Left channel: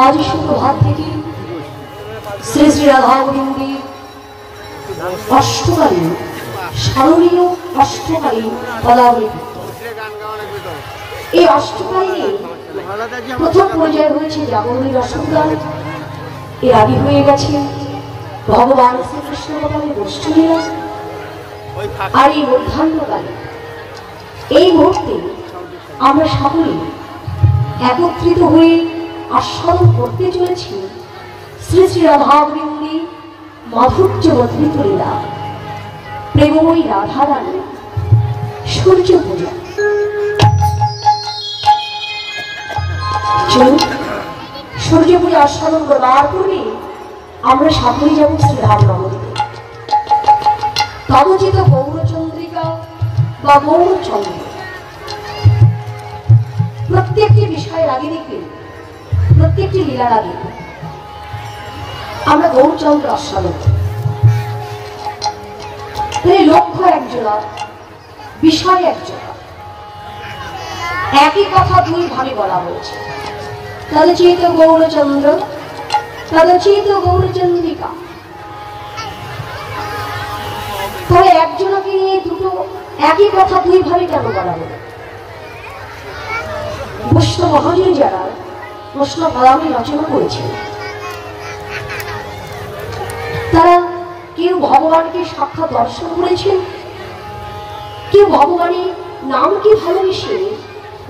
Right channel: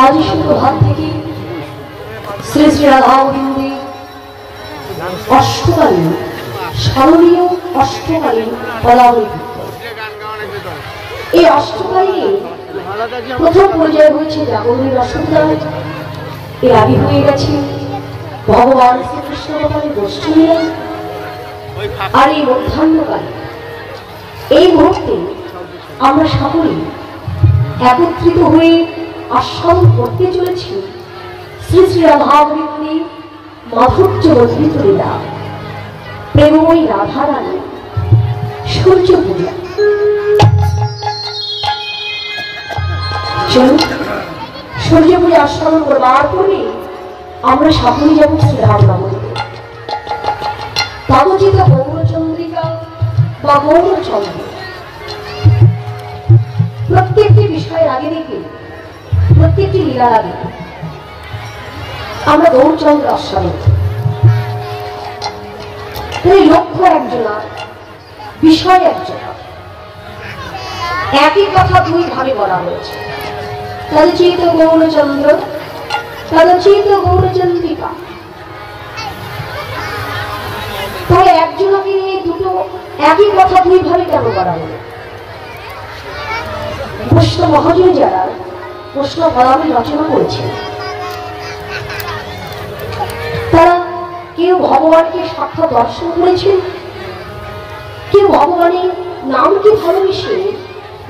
आज सुप्रभात থেকে শ্রী শ্রী রাধা গোবিন্দের অষ্টকালীন স্মরণীয় অষ্টকালীন পদাবলী। এই অষ্টকালীন প্রথম পর্যায়ে হয়েছে জাগরণের রসদায়, এর আগে হয়ে গেছে ভগবান শ্রীকৃষ্ণ ভগবানের গোষ্ঠীরা, আর এই মধ্যাহ্নকালে এই মুহূর্তে আমরা সকলে একত্রিত হয়ে আস্বাদন করতে চলেছি শ্রী শ্রী রাধা গোবিন্দের মাধুর্য বর্ধিত লীলা, প্রেমময়ী রাধা রানী সূর্য পূজা। সূর্য পূজা আস্বাদন করবার পরে আমরা সকলে যাব শ্রীরাম নবমীতে। তদচিত গৌরচন্দ্রিকা বা গৌরচন্দ্র প্রত্যেকটি বিষয়ের আগে দেখে, প্রত্যেকটি লীলার আগে আমরা গৌরচন্দ্র আস্বাদন করি। লক্ষ্য একজনা, বিষয় একজনা, একই কথা দুই ভাবে বলা হয়েছে। তদচিত গৌরচন্দ্র, তদচিত গৌরচন্দ্রিকা। তাহলে একজনকে নিয়ে দুটো একই কথা দুই ভাবে কেন বলা হলো? বৈষ্ণব মহাজন যারা বৈষ্ণব পদাবলী রচনা করেছেন, তারা কেউ ভগবানকে সাক্ষাৎ দর্শন করেছেন, কেউ ভগবানের নামকে ভালোবেসে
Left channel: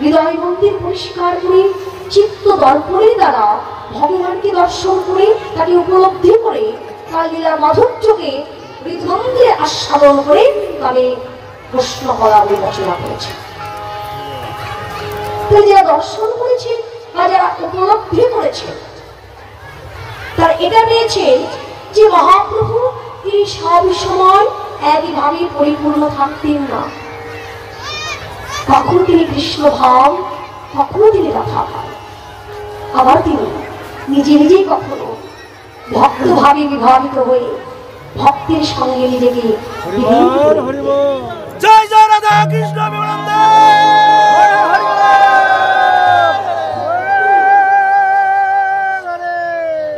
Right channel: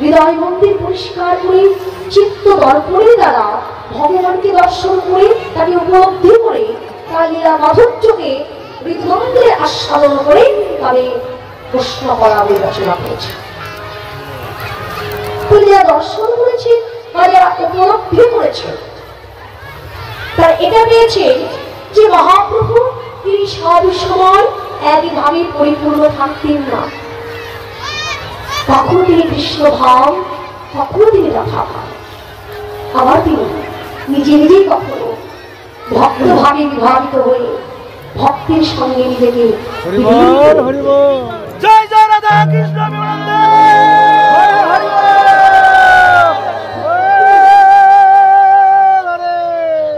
হৃদয় মন্দির পরিষ্কার করে চিত্ত দর্পণের দ্বারা ভগবানকে দর্শন করে তাকে উপলব্ধি করে তার লীলা মাধুর্যকে হৃদমন্দিরে আস্বাদন করে তাদের বৈষ্ণব পদাবলী রচনা করেছে। যারা দর্শন করেছে বা যারা উপলব্ধি করেছে, তারা এটা পেয়েছে যে মহাপ্রভু তিনি সব সময় একইভাবে পরিপূর্ণ থাকতেন না। কখনো তিনি কৃষ্ণ ভাব, কখনো তিনি রাধা ভাব, আবার তিনি নিজে নিজেই কখনো ভক্ত ভাবে বিভাবিত হয়ে ভক্তের সঙ্গে নিজেকে জয় জয় রাধা কৃষ্ণ।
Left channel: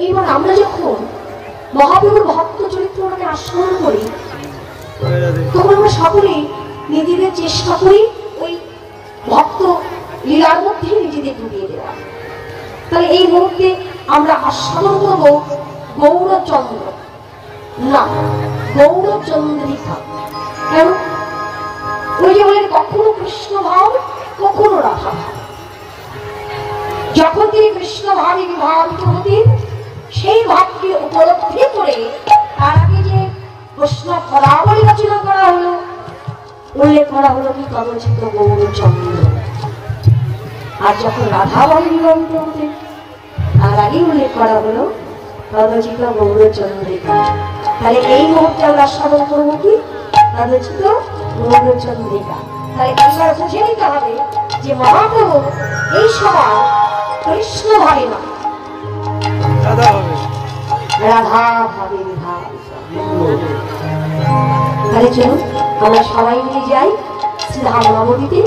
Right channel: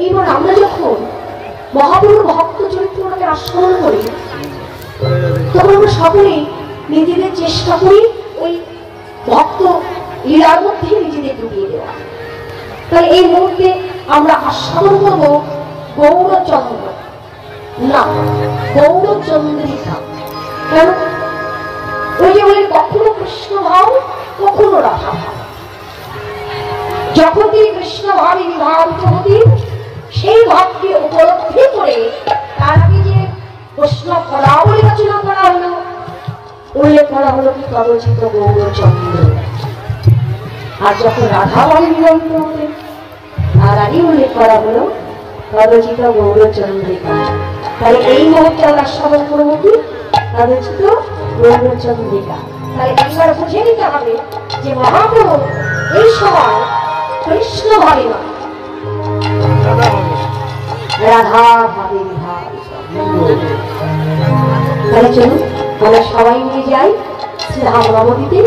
এবার আমরা যখন মহাপ্রভুর ভক্ত চরিত্রকে আস্বাদন করি, তখন আমরা সকলে নিজেদের চেষ্টা করি ওই ভক্ত লীলার মধ্যে নিজেদের ডুবিয়ে দেওয়া। তাই এই মুহূর্তে আমরা আস্বাদন করব গৌরচন্দ্র না গৌরচন্দ্রিকা। কেন? ওই যে বলে কখনো কৃষ্ণ ভাব, কখনো রাধা ভাব। যখন তিনি কৃষ্ণ ভাবে বিভাবিত হতেন, সেই ভাবকে উপলব্ধি করে তার আগে যে বৈষ্ণব পদাবলী রচনা করা হলো, উল্লেখ করা হলো কি তদচিত গৌরচন্দ্র। আর যখন রাধা ভাবে বিভাবিত হতেন, তার আগে উল্লেখ করা হলো তদচিত গৌরচন্দ্রিকা। তাই এই মুহূর্তে আমরা আস্বাদন করবো কি তদচিত গৌরচন্দ্রিকা। তাই এবার বুঝে নিতে হবে যে মহাপ্রভু এই সময় কৃষ্ণ ভাবে না, রাধা ভাবে বিভাবিত। তাহলে চলুন আমরা সবাই মিলে যাই শ্রীরাম নবমীতে।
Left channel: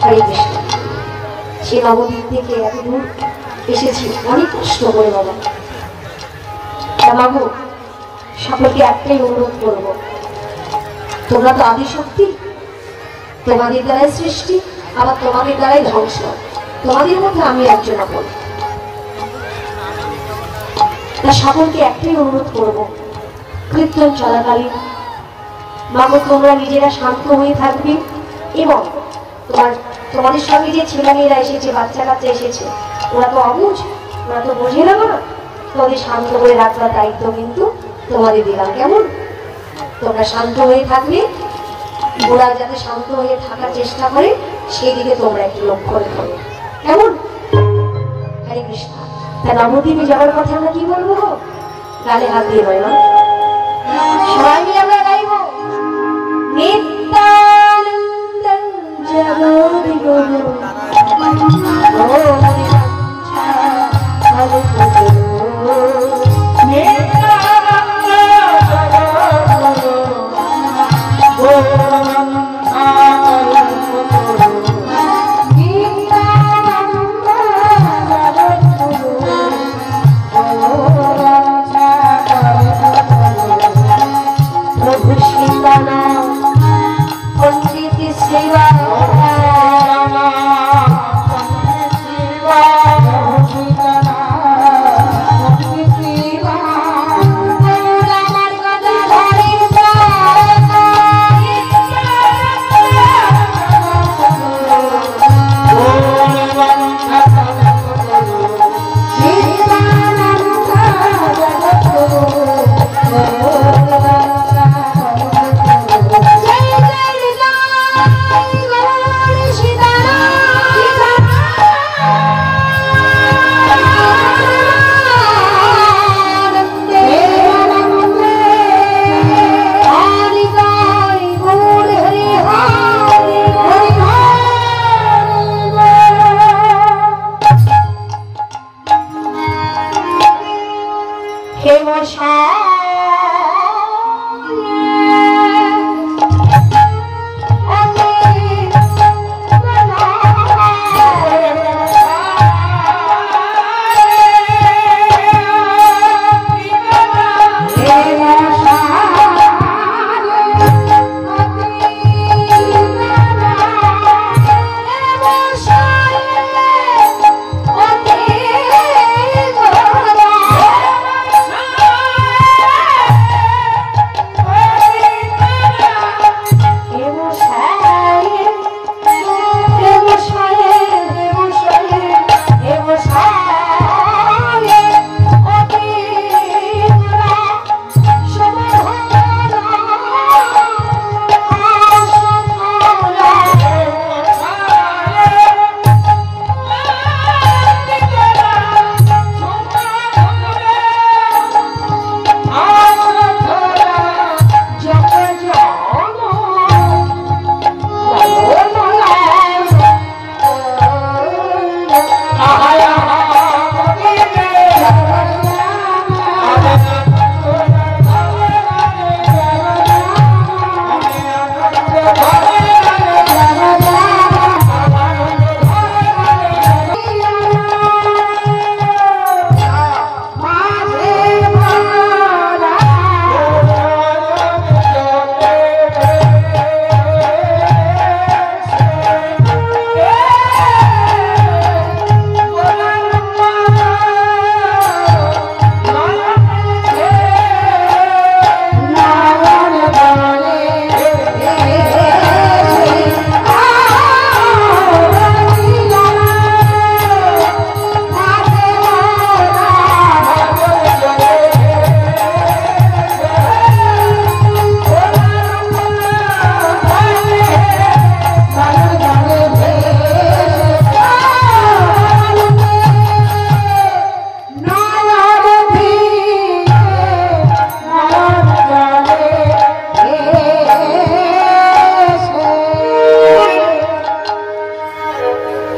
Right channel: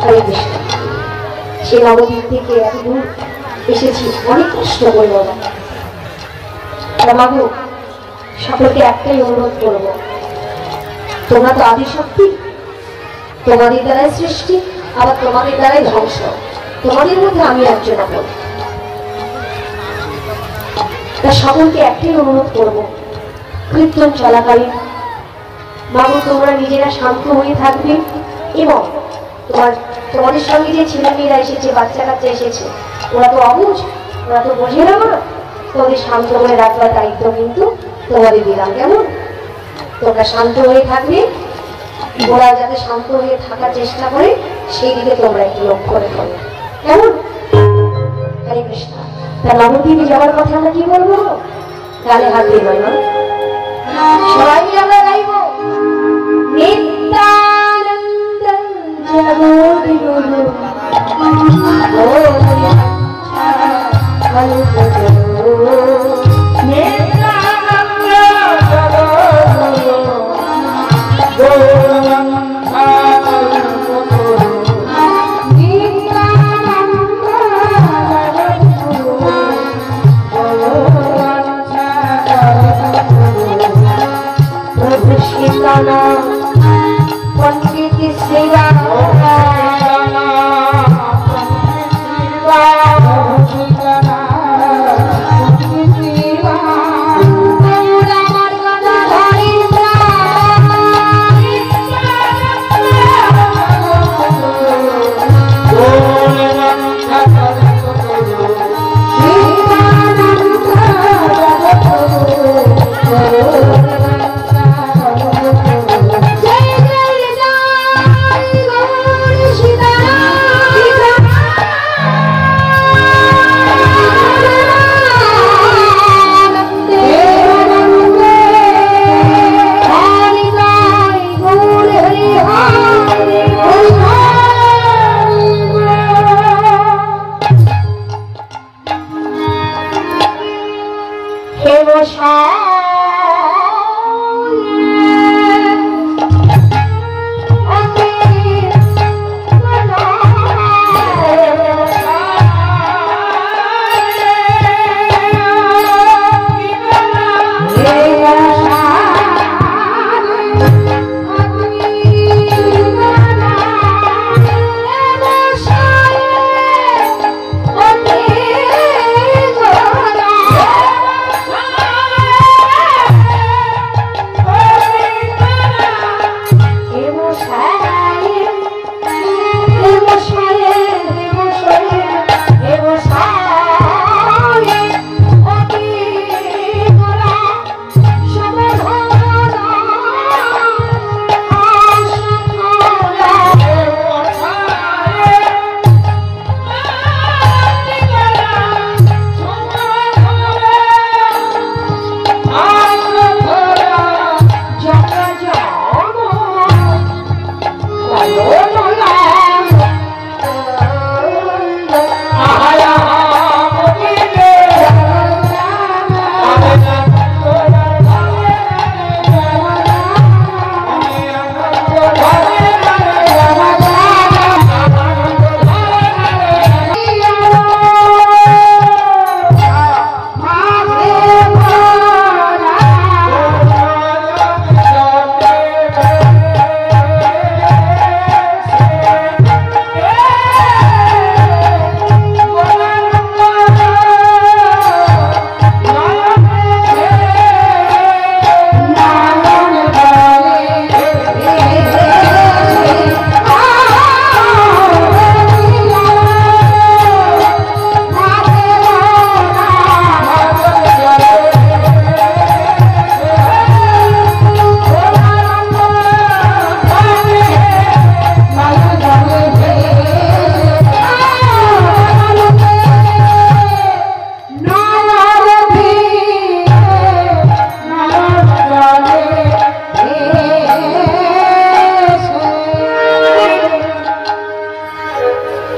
হরে কৃষ্ণ। সে নবদ্বীপ থেকে এত দূর এসেছি অনেক কষ্ট করে বাবা। বাবু সকলকে একটাই অনুরোধ করব, তোমরা তো আদিশক্তি, তোমাদের দ্বারাই সৃষ্টি, আবার তোমাদের দ্বারাই ধ্বংস। তোমাদের মধ্যে আমি একজন আপন। তা সকলকে একটাই অনুরোধ করব, কীর্তন চলাকালীন মাগো তোমরা নিজেরা শান্ত হয়ে থাকবে এবং তোমাদের সঙ্গে যে ছেলেমেয়েরা এসেছে, বাচ্চা কাচ্চা এসেছে, ওরা তো অবুঝ, ওরা তো বোঝে না। তোমাদের শান্ত হয়ে রাখবার দায়িত্ব কিন্তু তোমাদের দিলাম। কেমন? তোমরা শান্ত হয়ে থাকবে, ওরা যাতে শান্ত হয়ে থাকার চেষ্টা করে সেই দিকে তোমরা একটু লক্ষ্য রেখো। কেমন? হরে কৃষ্ণ। তা নবদ্বীপে যাওয়ার কথা আমরা কি বলবো? গালে হাত দিয়ে বলবো, সবাই মিলে আমরা গাইব নিত্যানন্দ জগৎ গুরু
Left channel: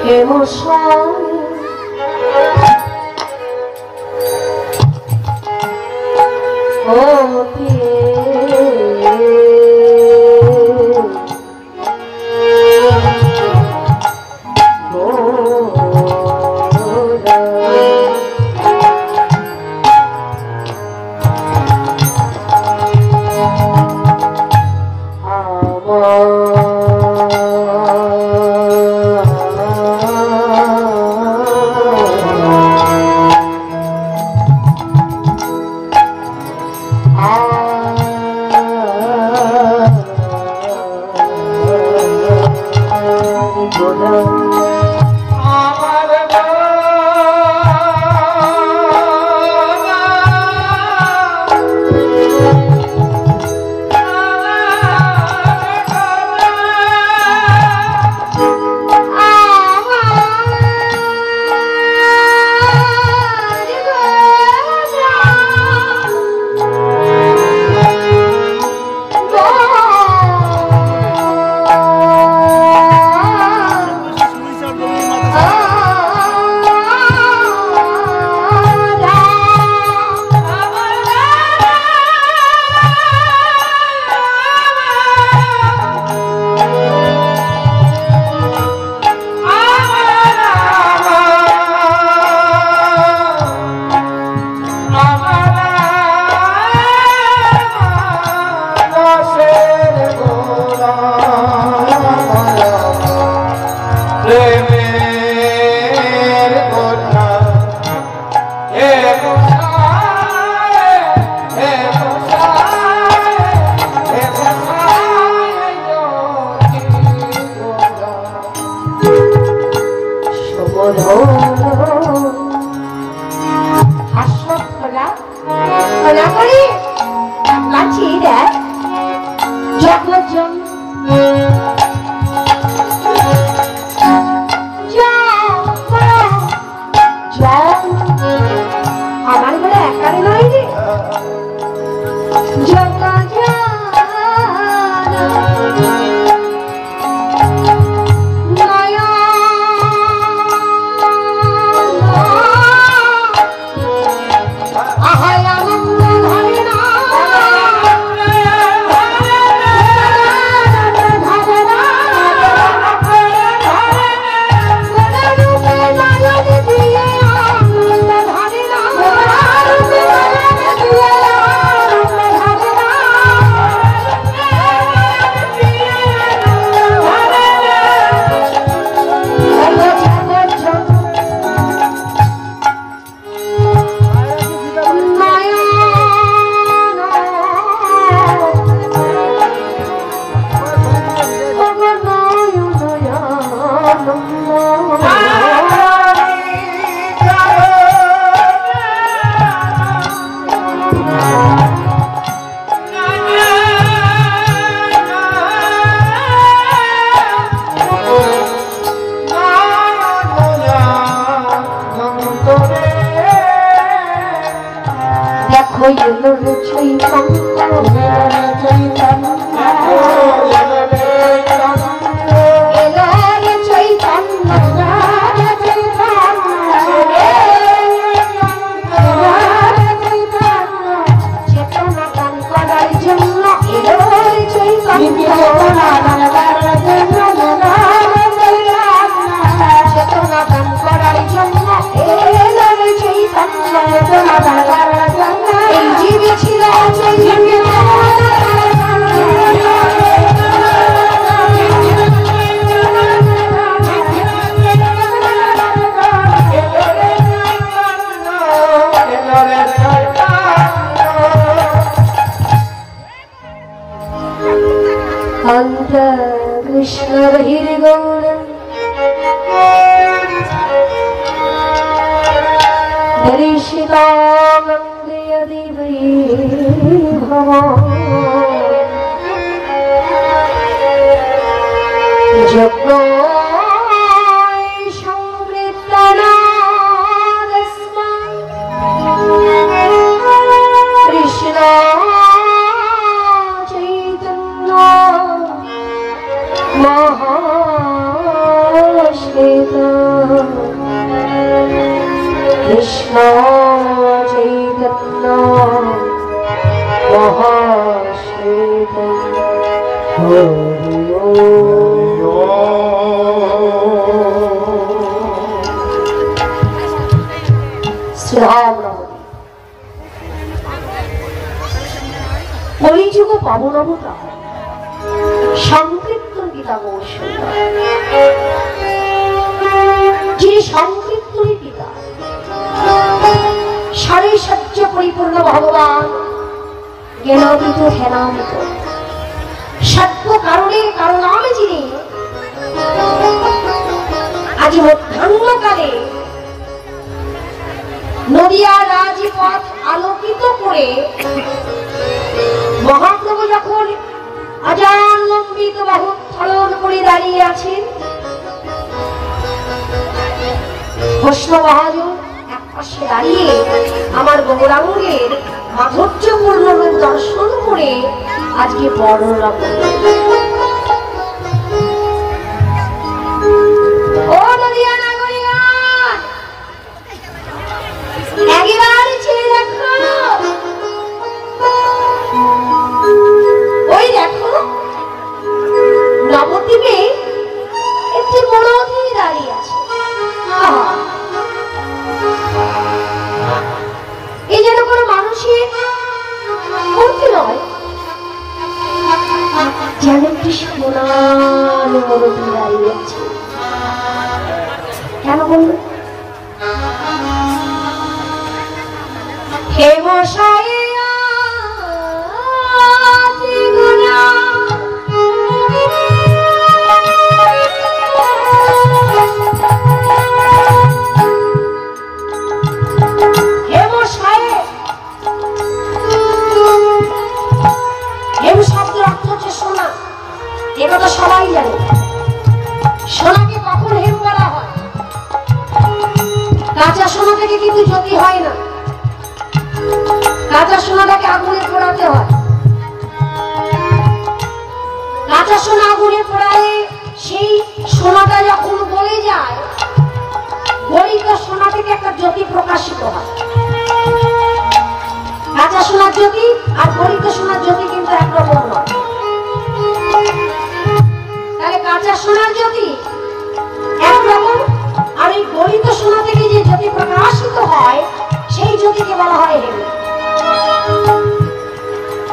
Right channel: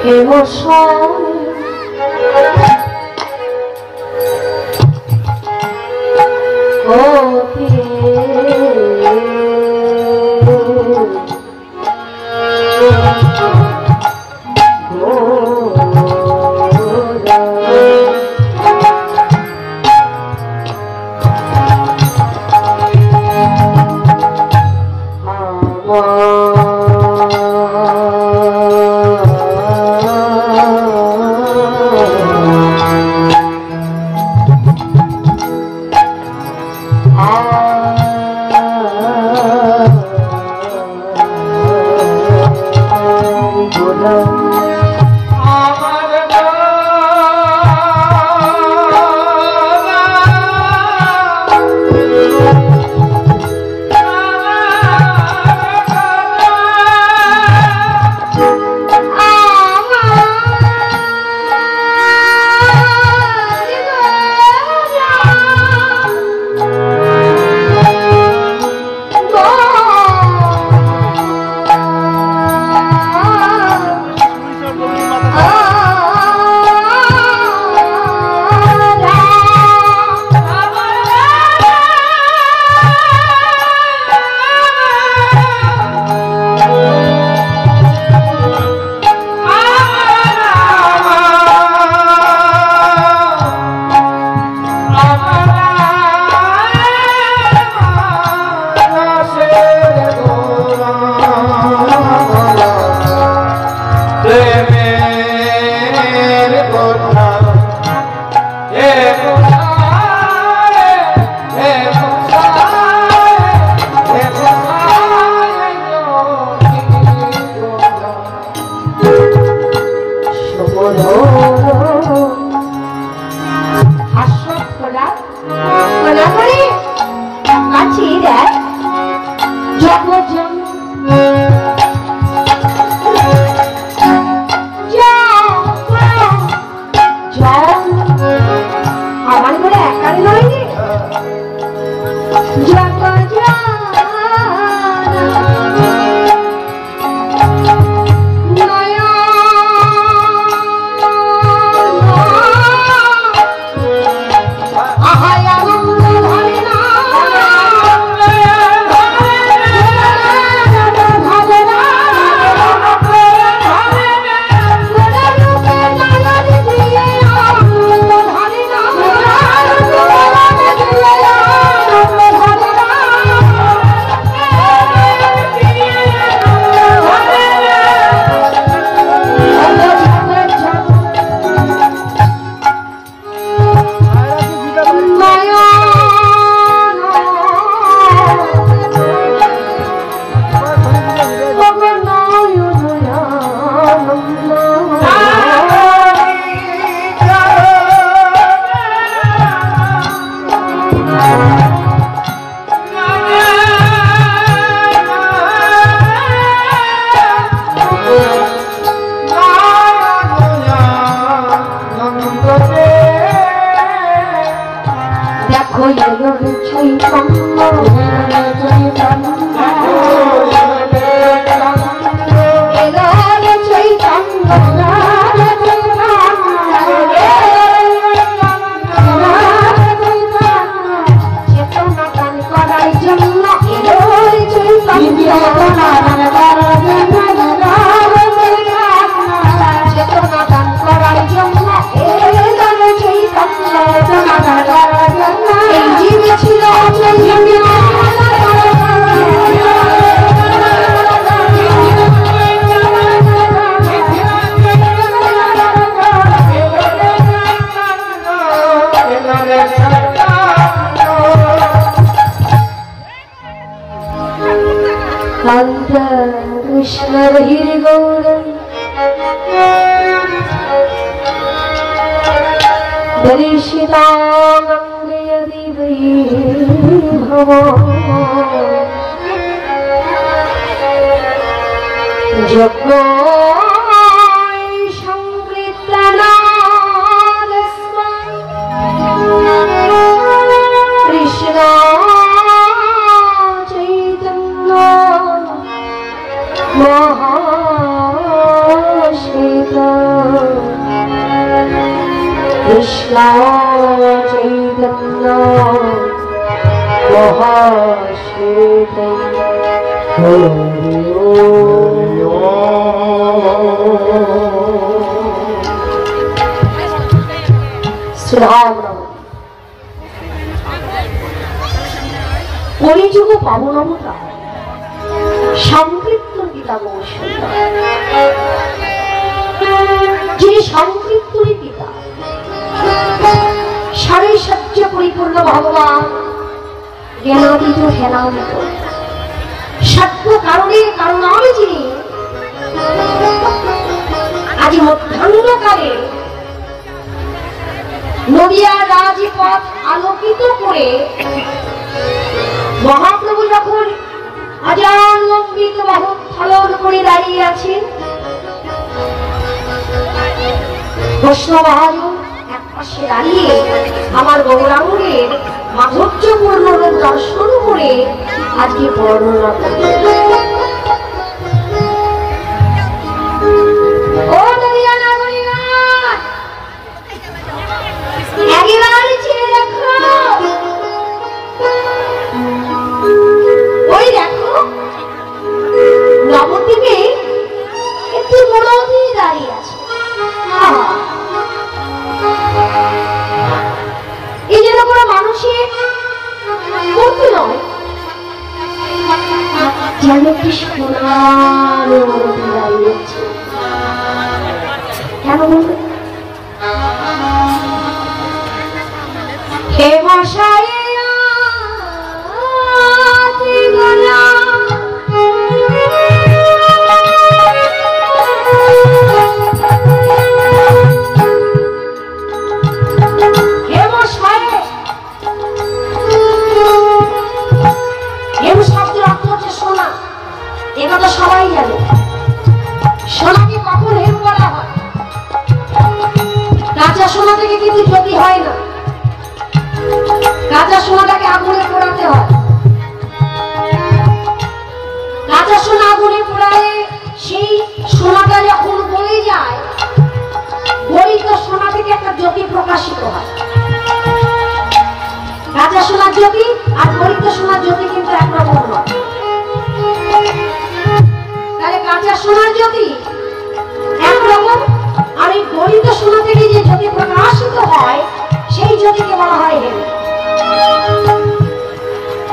emotion. Oh, Mahashveta Krishna Chaitanya মহাশ্বেতায় Hari কলিযুগ পাবনব সংকীর্তন পিতা বহু সুন্দর, যিনি সংকীর্তনী পিতা সারে সত্য পরিপূর্ণ ভগবান জ্ঞানাতীত ধ্যানাতীত সত্য কারণের কারণামে যিনি আজ মধ্যাহ্নকালে নদিয়া রাজপথ আলোকিত করে মহাপ্রভু যখন আজানম্বিত বাহু উত্তোলন করে দাঁড়িয়ে আছেন, বৈষ্ণব এক পাশে দাঁড়িয়ে আমার গৌরাঙ্গের মাধুর্যপূর্ণ রূপ দর্শন করে আজকে বর্ণনা করবেন। ওই দেখো নবদ্বীপে একটি মূর্তি দাঁড়িয়ে আছে। এই যেন কোনো মানুষের মূর্তি নয়, যেন একটি সোনার মূর্তি দাঁড়িয়ে আছে। কেন বলবে? হে মশাই সবাই জানে সোনাকে কখন হেম বলা হয়। কাঁচা সোনা থেকে কিন্তু জ্যোতি হয় না, কাঁচা সোনাটাকে আগুনে পোড়াতে হয়। কাঁচা সোনা আগুনে পোড়ালে সেই সোনাটা যখন গলে যায়, গলিত সোনা থেকে একটা জ্যোতি প্রকাশিত হয়। কাঁচা সোনার জ্যোতি আর গলিত সোনার জ্যোতি কিন্তু একরকম নয়। কাঁচা সোনার জ্যোতি একরকম, আর এই গলিত সোনা থেকে যে জ্যোতি প্রকাশিত হয় সেই জ্যোতিকে বলা হয় হেম।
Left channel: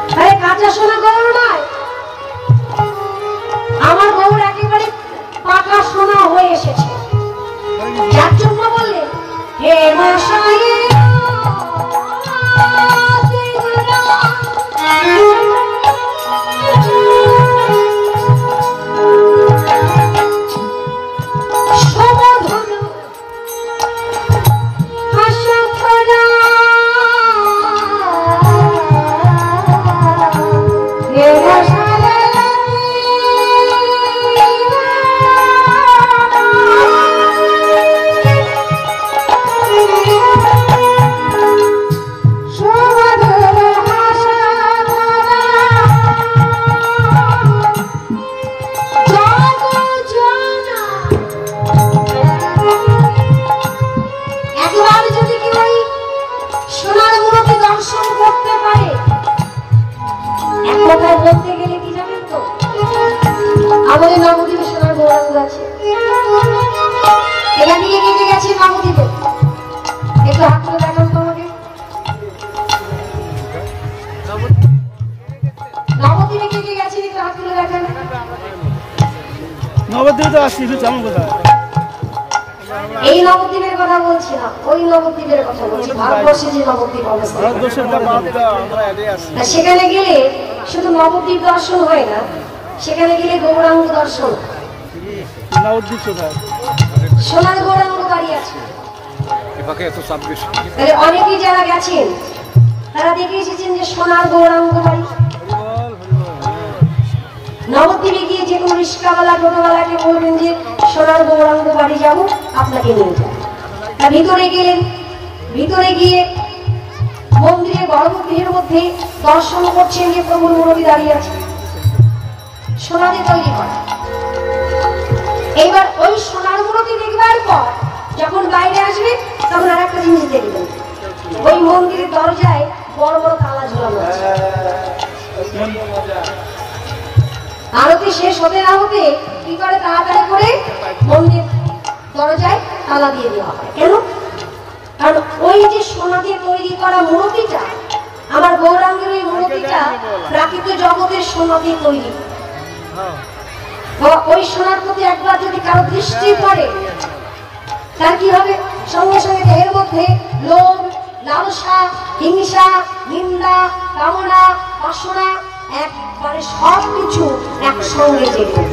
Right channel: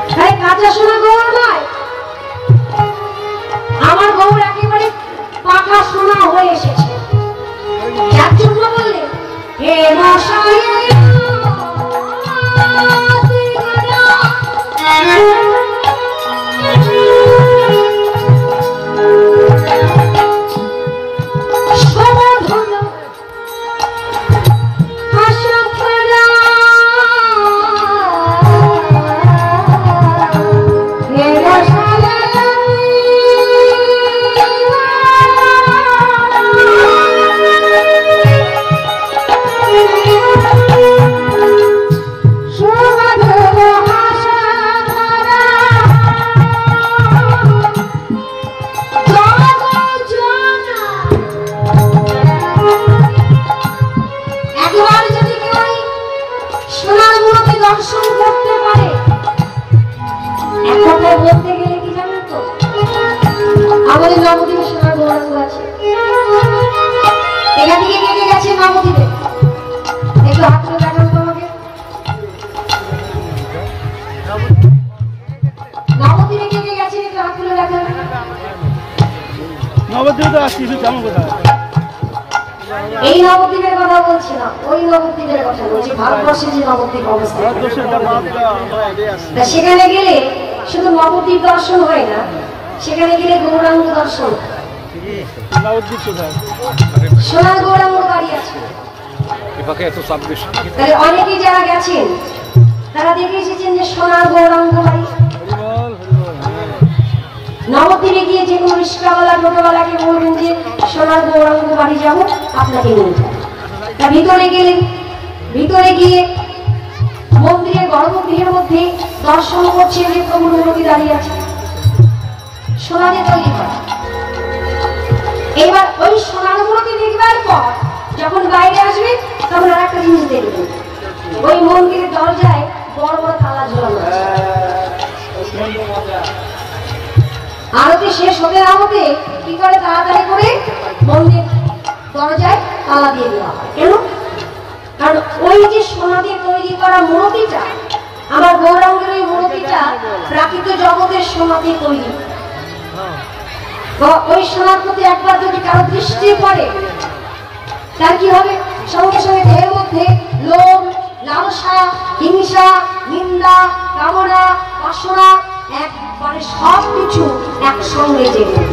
তাহলে কাঁচা সোনা গৌর নয়, আমার গৌর একেবারে পাকা সোনা হয়ে এসেছে। যার জন্য বললেন হে মশাই বলতে গেলে কি জানেন তো, আমাদের নবদ্বীপে সোনার গৌরাঙ্গ আছে। এখান থেকে কে কে গেছে নবদ্বীপে? একটু হাত তুলে দেখান তো আমাকে। নবদ্বীপে কে কে গেছে একটু হাত তুলে দেখান। নবদ্বীপে আসছি, জানেন কোথায়? এই নবদ্বীপের কথা বলছি না, ওই নবদ্বীপের কথা বলছি। ভারতবর্ষে যে নবদ্বীপ অবস্থা, সেখানে গেলে শুধু নবদ্বীপ দর্শন হয় না, সেখানে গেলে গৌরাঙ্গ দর্শন। সোনার গৌরাঙ্গ দাঁড়িয়ে আছে। অনেকে যারা গেছেন তারা দেখে এসেছেন যে সোনার গৌরাঙ্গ বাড়ি। নবদ্বীপে গিয়ে যে কোনো রিক্সাওয়ালা টোটোওয়ালাকে বলবেন যে সোনার গৌরাঙ্গ বাড়ি যাবো, আপনাকে নিয়ে যান। ভিতরে গেলেন, ভিতরে গিয়ে মন্দিরের গর্ভগৃহের মধ্যে দর্শন করছেন যে প্রভুর মূর্তি দাঁড়িয়ে আছে, সোনা দিয়ে তৈরি করা। এবার ওই সোনার মূর্তি দেখবার পর যখন বাইরে আসবে তখন আর একটা জিনিস দেখবেন, তালা দিয়ে দেওয়া হয়। কেন? কারণ ওই যে সোনা দিয়ে তৈরি করা মূর্তিটা, আমার গৌরাঙ্গের ওই মূর্তিটা প্রাকৃত জগতের সোনা দিয়ে তৈরি। ওই সোনার প্রতি একবার যদি কারো দৃষ্টি পড়ে, তার কি হবে? সঙ্গে সঙ্গে দেহের মধ্যে লোভ, লালসা, হিংসা, নিন্দা, কামনা, বাসনা একবারে সবকিছু একসঙ্গে জেগে